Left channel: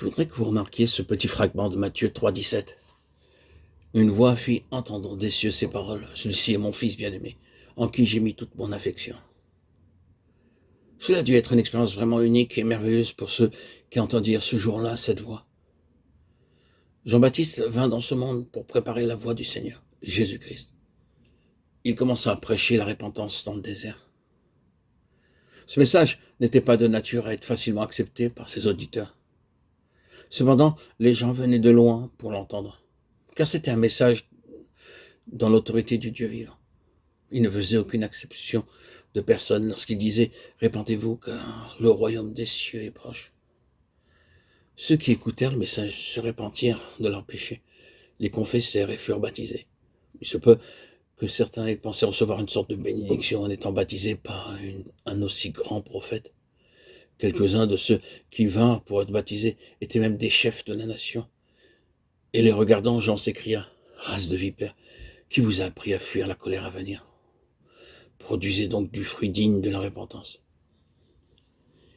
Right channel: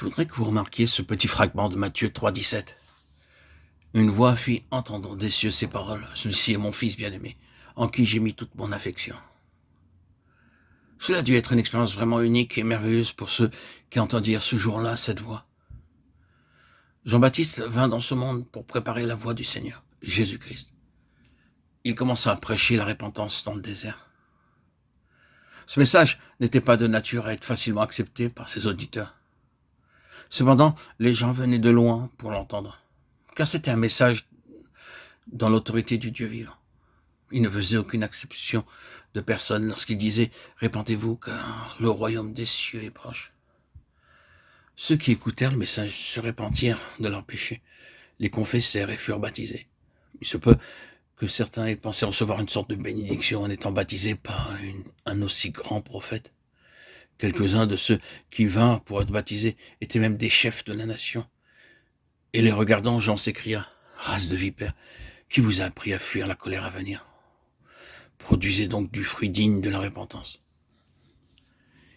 Je voudrais que vous remarquiez ce petit fragment de Matthieu 3,17. Une voix fit entendre des cieux ces paroles. Celui-ci est mon fils bien-aimé, en qui j'ai mis toute mon affection. Cela a dû être une expérience vraiment unique et merveilleuse pour ceux qui entendirent ce jour-là cette voix. Jean-Baptiste vint dans ce monde pour préparer la voie du Seigneur, Jésus-Christ. Il commença à prêcher la repentance dans le désert. Ce message n'était pas de nature à être facilement accepté par ses auditeurs. Cependant, les gens venaient de loin pour l'entendre, car c'était un message dans l'autorité du Dieu vivant. Il ne faisait aucune exception de personne lorsqu'il disait « Répentez-vous, car le royaume des cieux est proche ». Ceux qui écoutèrent le message se repentirent de leurs péchés, les confessèrent et furent baptisés. Il se peut que certains aient pensé recevoir une sorte de bénédiction en étant baptisés par un aussi grand prophète. Quelques-uns de ceux qui vinrent pour être baptisés étaient même des chefs de la nation. Et les regardant, Jean s'écria « Race de vipères, qui vous a appris à fuir la colère à venir? Produisez donc du fruit digne de la repentance. »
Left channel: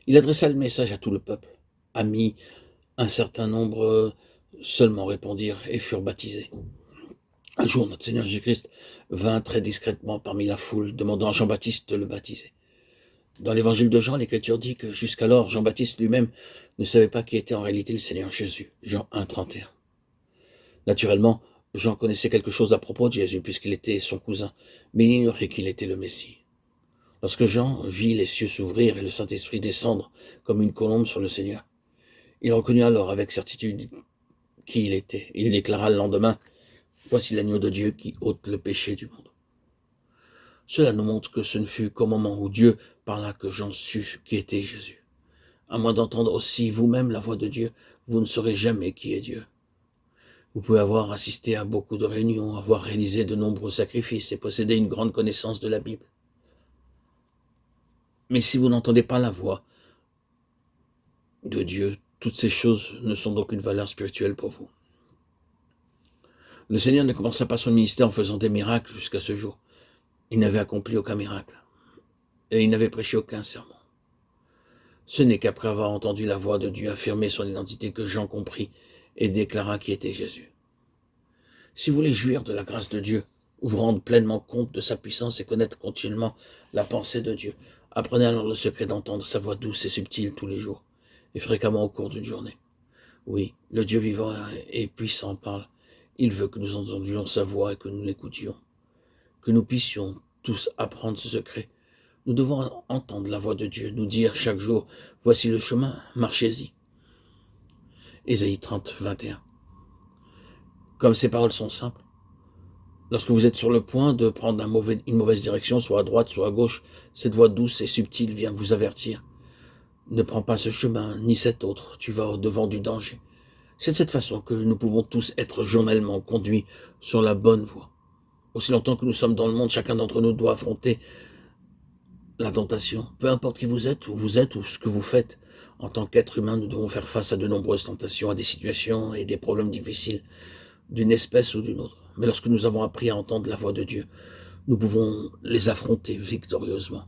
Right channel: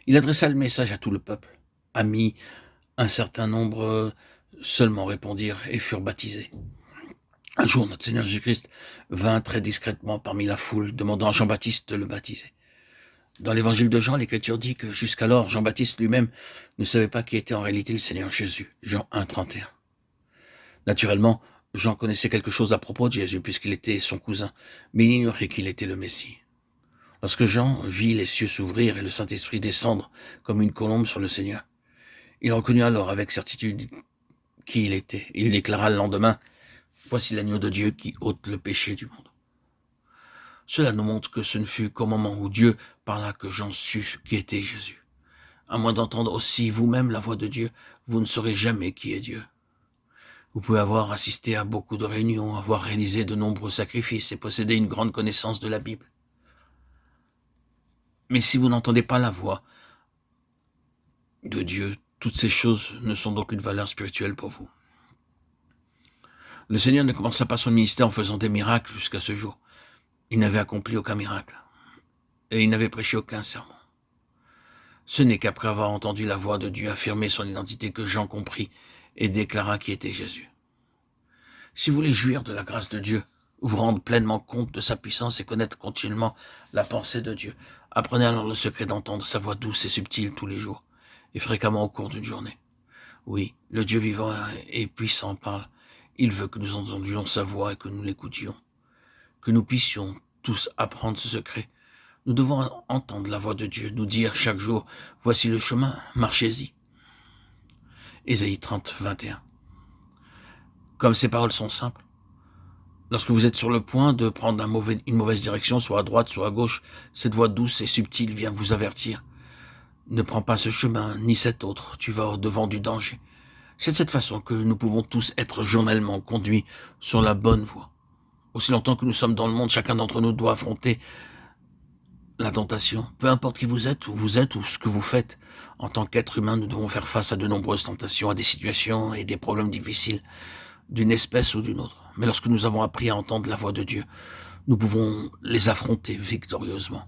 Il adressa le message à tout le peuple. Amis, un certain nombre seulement répondirent et furent baptisés. Un jour, notre Seigneur Jésus-Christ vint très discrètement parmi la foule, demandant à Jean-Baptiste de le baptiser. Dans l'évangile de Jean, l'Écriture dit que jusqu'alors, Jean-Baptiste lui-même ne savait pas qui était en réalité le Seigneur Jésus. Jean 1, 31. Naturellement, Jean connaissait quelque chose à propos de Jésus, puisqu'il était son cousin, mais il ignorait qu'il était le Messie. Lorsque Jean vit les cieux s'ouvrir et le Saint-Esprit descendre comme une colombe sur le Seigneur, il reconnut alors avec certitude qui il était. Il déclara le lendemain « Voici l'agneau de Dieu qui ôte le péché du monde ». Cela nous montre que ce ne fut qu'au moment où Dieu parla que Jean sut qui était Jésus. À moins d'entendre aussi vous-même la voix de Dieu, vous ne saurez jamais qui est Dieu. Vous pouvez avoir assisté à beaucoup de réunions, avoir réalisé de nombreux sacrifices et posséder une grande connaissance de la Bible. Mais si vous n'entendez pas la voix de Dieu, toutes ces choses ne sont d'aucune valeur spirituelle pour vous. Le Seigneur ne commença pas son ministère en faisant des miracles jusqu'à ce jour. Il n'avait accompli aucun miracle et il n'avait prêché aucun sermon. Ce n'est qu'après avoir entendu la voix de Dieu affirmer son identité que Jean comprit et déclara qui était Jésus. Si vous voulez jouir de la grâce de Dieu, vous rendre pleinement compte de sa puissance et connaître continuellement la pensée de Dieu, apprenez alors le secret d'entendre sa voix douce et subtile tous les jours et fréquemment au cours d'une journée. Oui, le Dieu vivant et puissant parle. Il veut que nous entendions sa voix et que nous l'écoutions. Que nous puissions tous apprendre ce secret. Nous devons entendre la voix de Dieu, nous dire chaque jour « Voici le chemin, marchez-y ». Ésaïe 30, 21. Comme ces paroles sont simples, lorsque vous êtes sur le point de prendre une mauvaise direction, soit à droite, soit à gauche, cette voix douce et subtile vient vous avertir. Ne prends pas ce chemin, ni cet autre, tu vas au-devant du danger. C'est de cette façon que nous pouvons tous être journellement conduits sur la bonne voie. Aussi longtemps que nous sommes dans le monde, chacun d'entre nous doit affronter la tentation. Peu importe qui vous êtes ou ce que vous faites, en tant qu'être humain, nous devons faire face à de nombreuses tentations, à des situations et des problèmes difficiles, d'une espèce ou d'une autre. Mais lorsque nous avons appris à entendre la voix de Dieu, nous pouvons les affronter victorieusement.